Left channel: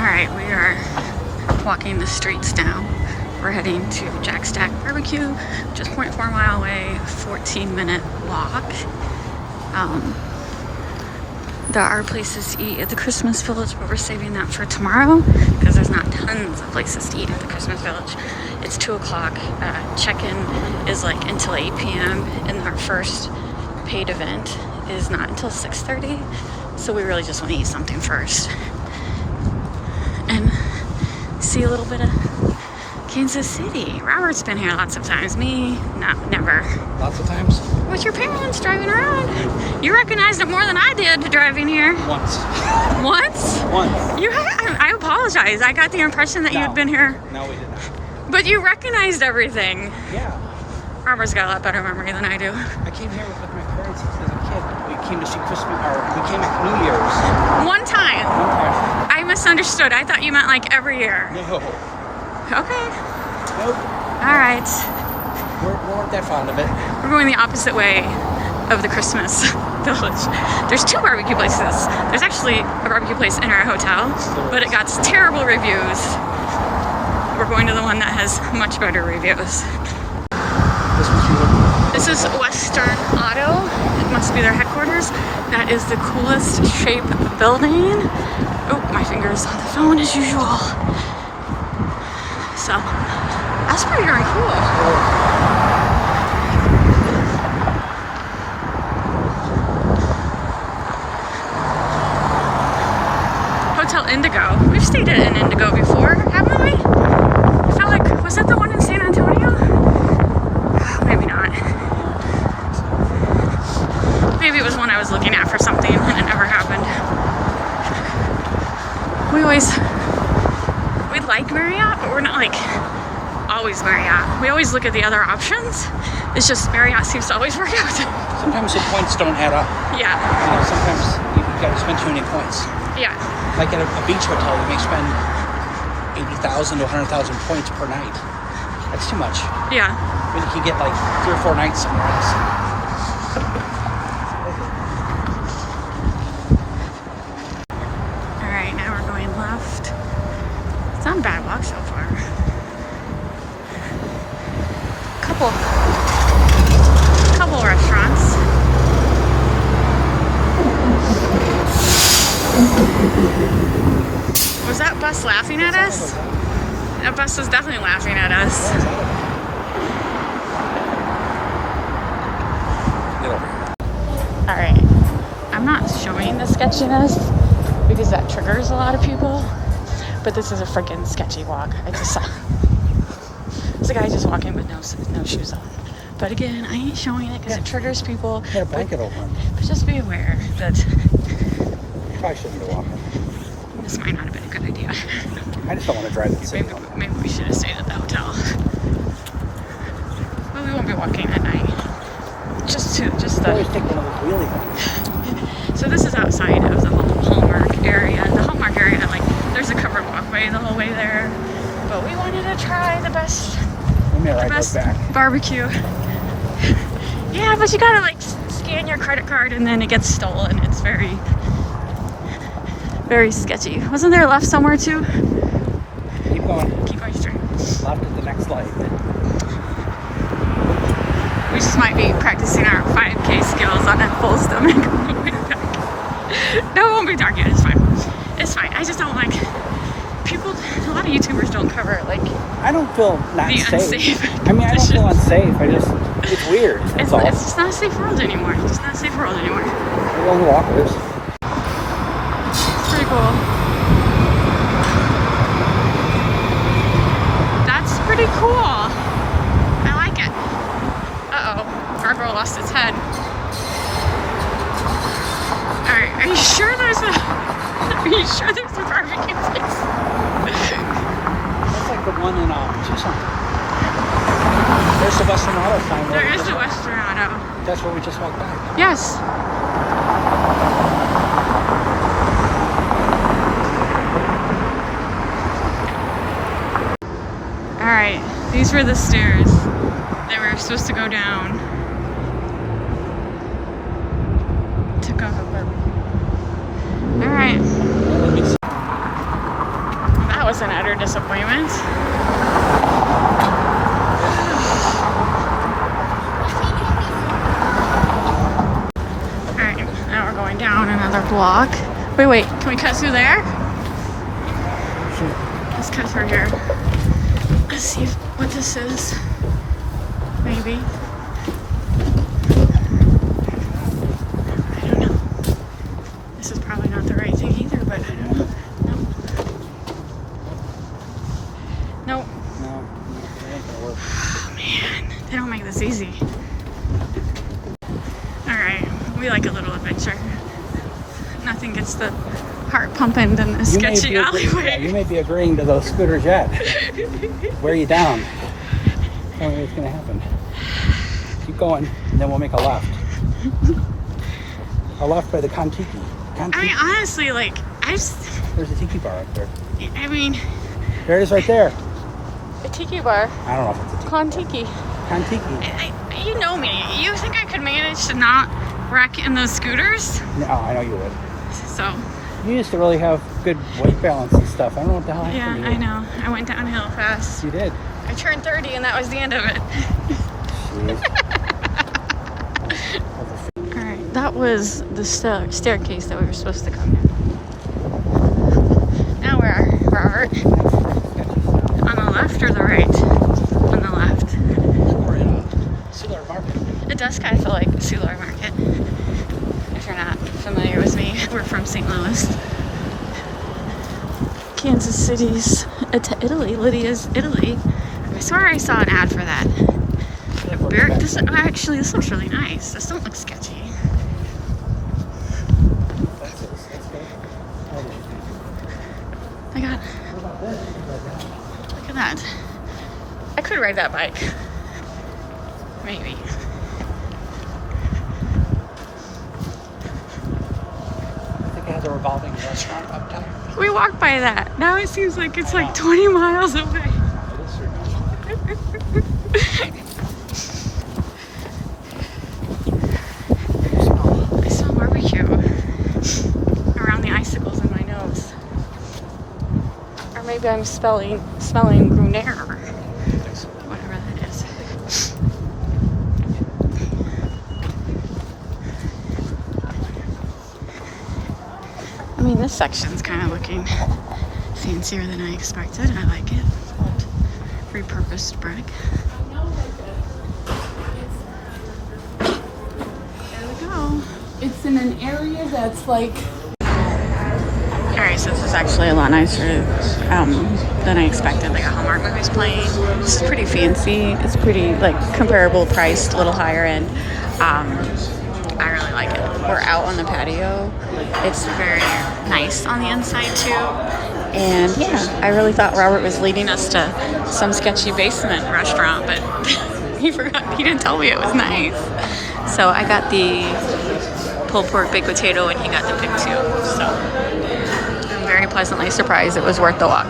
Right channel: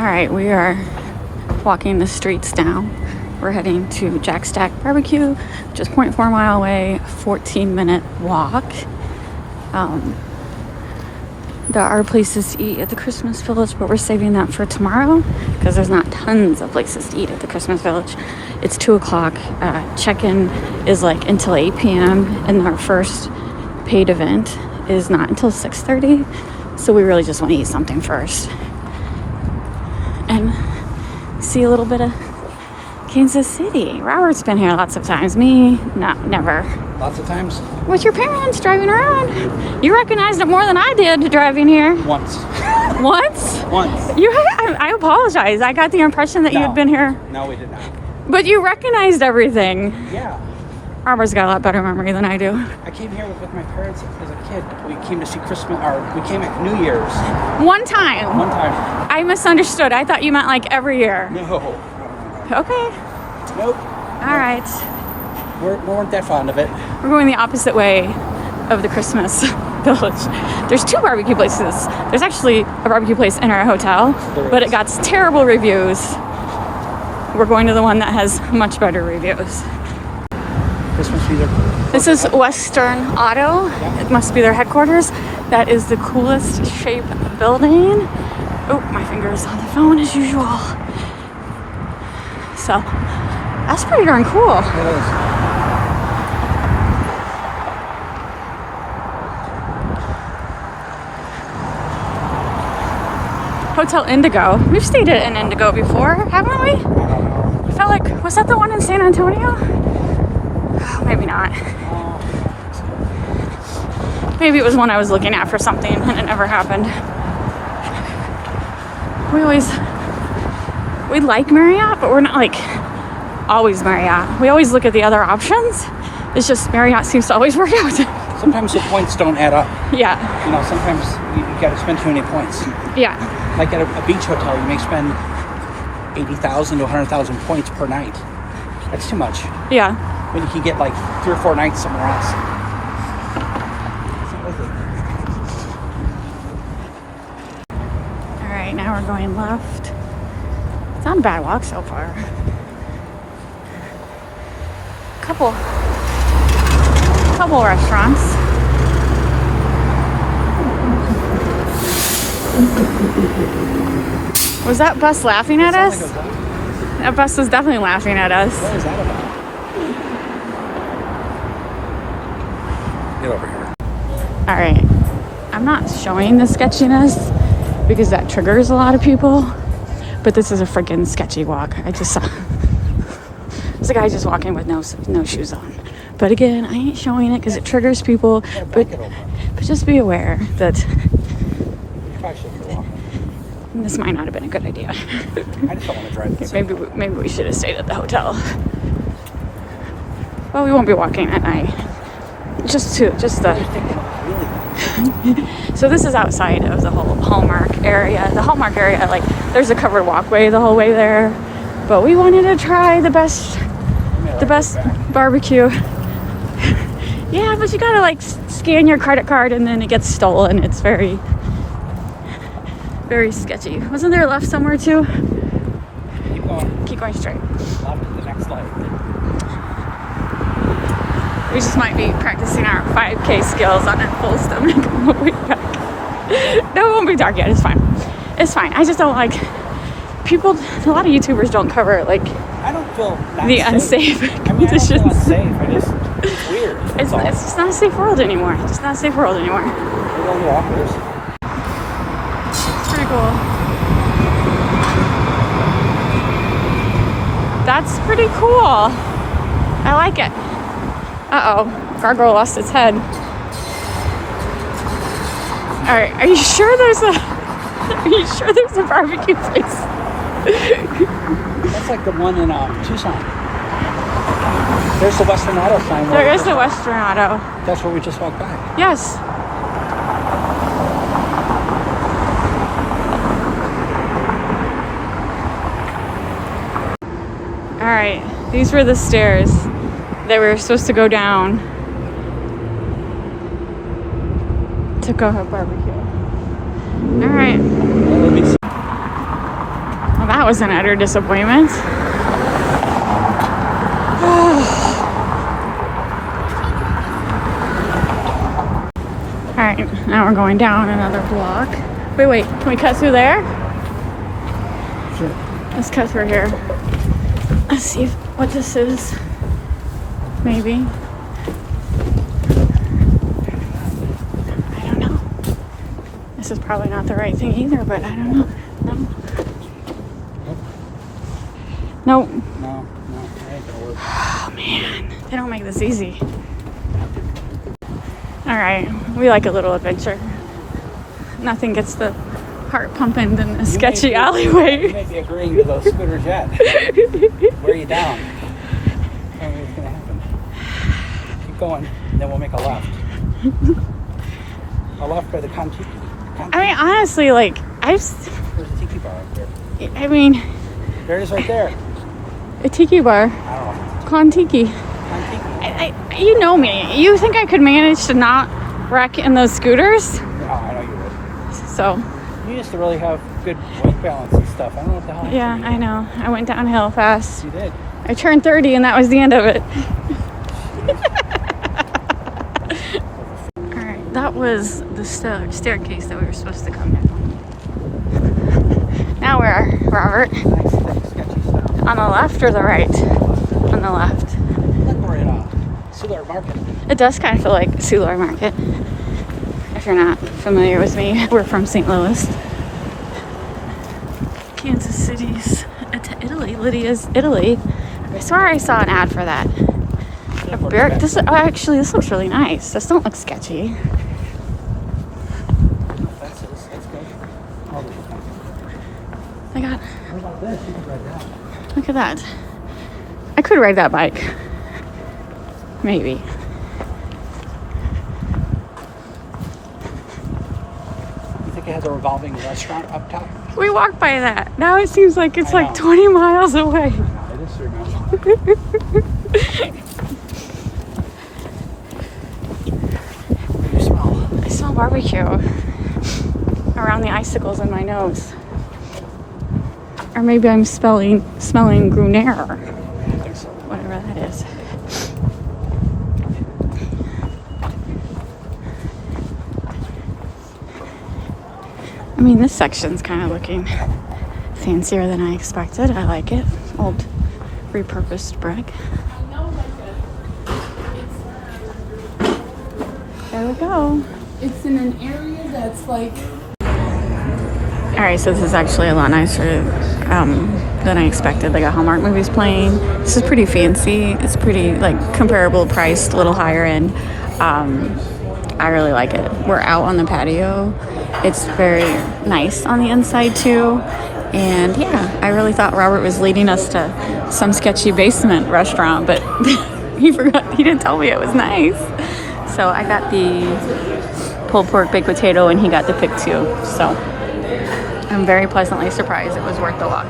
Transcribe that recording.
All right, we are walking the streets now. We're heading to Jack Stack BBQ, just 0.4 mile away, 14-minute walk. There are places to eat at the Christmas Village, but we're saving that for tomorrow because there's not tons of places to eat at the Christmas Village. It's 2 o'clock. Check-in is like until 8 p.m. and our first paid event is not until 6:30. So we really just want to eat something first. And see a little bit of Kansas City. Robert's been here lots of times. Me, no, never. Lots of times? With your parents driving around. You recognized it more than I did driving here. Once. Once? Once. I apologize. I got the impression that you had been here. No, we did not. But you recognized everything. Yeah. Robert's got a lot better memory than I do. I came here with my parents as a kid. We came to see Christmas, or we came at New Year's. One time. One time. I misunderstood. I thought you meant like every year. No. Okay. Nope. All right. We weren't that fond of it. We're going the opposite way of the Christmas Village. There's 2 barbecue places. There's actually a barbecue place in our hotel, but it got terrible reviews. We're going to the one that has much better reviews. This is Western Auto. It must be their headquarters. That is the coolest shape building. Oh, my finger's on the phone as usual. So, that's pretty darn cool. Hotel Indigo. We've stayed in Indigo before, haven't we? I felt like, was that the one in San Antonio? Maybe not. Maybe it was one I was looking at for something and it never happened. We like Marriott, but we're not like always Marriott. We always look at the other options. It's just Marriott seems to always work out. Sometimes the points don't add up. Yeah. You know, sometimes you got to spend too many points. Yeah. Like at a beach hotel, you may spend 80,000 to 100,000 points per night. That's too much. Yeah. But you can get like 3 or 4 nights somewhere else. All right, now we're going left. It's not a bad walk so far. Couple restaurants. Was that bus laughing at us? That bus was definitely laughing at us. All right, I'm not showing the sketchiness because that triggers a lot of people, but this is a freaking sketchy walk. I just saw there's a guy just walking with no shoes on. But again, I ain't showing it because it triggers people, but just be aware that this might not have been a good idea. I just don't want to drive this. Maybe we should have stayed at the hotel. Well, we won't be walking at night. Just the. So this is outside of the whole Hallmark area. The Hallmark area, like, there's a covered walkway the whole way there. But we wanted to try the best barbecue. Yeah, but you gotta like scan your credit card and then it gets stolen. It's very, very sketchy. Wasn't there a left somewhere too? Keep going. Keep going straight. Left to the next light. We just might be practicing our 5K skills on a full stomach on the way back. No, it won't be dark yet. It's fine. It's fine. I just don't like people. A lot of YouTubers don't cover like I don't feel the unsafe. I mean, I don't feel unsafe. It's weird. It's just not a safe world anymore. It's not a safe world anymore. It's pretty cool. That's pretty cool. I like it. Uh-oh. Gargoyle lost its head. Alright, are you sure there's a barbecue place? It's like the one in Tucson. There's the Western Auto sign. There is a Western Auto. That's where we just walked by. Yes. Alright, these were the stairs that we were supposed to go down to go up. Alright. was an utter disappointment. Alright, now we're going down another block. Wait, can we cut through there? Sure. Let's cut through here. Let's see what this is. Maybe. I don't know. This is probably not the right thing either, but I don't know. No. Nope. No, that ain't gonna work. Oh man, they don't make this easy. Alright, we like a little adventure. Nothing gets the heart pumping in this sketchy alleyway. You may be agreeing to those scooters yet. Where are you down? I don't know what's gonna happen. Keep going, and then we'll make a left. A left by the Kontiki. I mean, honestly, like, There's a tiki bar right there. I mean, There it is right there. a tiki bar. I don't know. Kontiki. Kontiki. You know me. You think I could manage to not wreck in those scooters? No, I know you would. So, You used to really have good work balance and stuff. I don't know how. yeah, I know. I went downhill fast. You did. I turned 30 and that was the end of it. Alright, that was the staircase that we were supposed to come down. Now where are Robert? On the left or the right? On the left. It does kind of feel like Solar Market. If you're not familiar with me, we're from St. Louis. Kansas City's Italy. Lydia's Italy. I swear I saw an ad for that. This looks really nice. This don't look sketchy. Look at that. I could ride that bike. Maybe. I think it has a revolving restaurant up top. We walked by that. Now it seems like it's like 20 miles away. That is true. I saw barbecue around the icicles in my nose. Or maybe I'm smelling Gruner. Whatever that is. I mean, this section's kind of looking fancier than I expected. I like it. Old repurposed brick. There we go. It's in an area that's like... Alright, so this is actually a lot nicer than I expected. They got Hallmark movies playing. This is pretty fancy. It's pretty, like, comparable priced, a little higher end. I really like it. We're out on the patio. It's very nice on the inside too. And yeah, I really thought Robert was leading us to some sketchy basement restaurant, but he didn't tell me it was nice. So I got the pulled pork baked potato and he got the pick too. So I'm very pleasantly surprised it was worth the walk.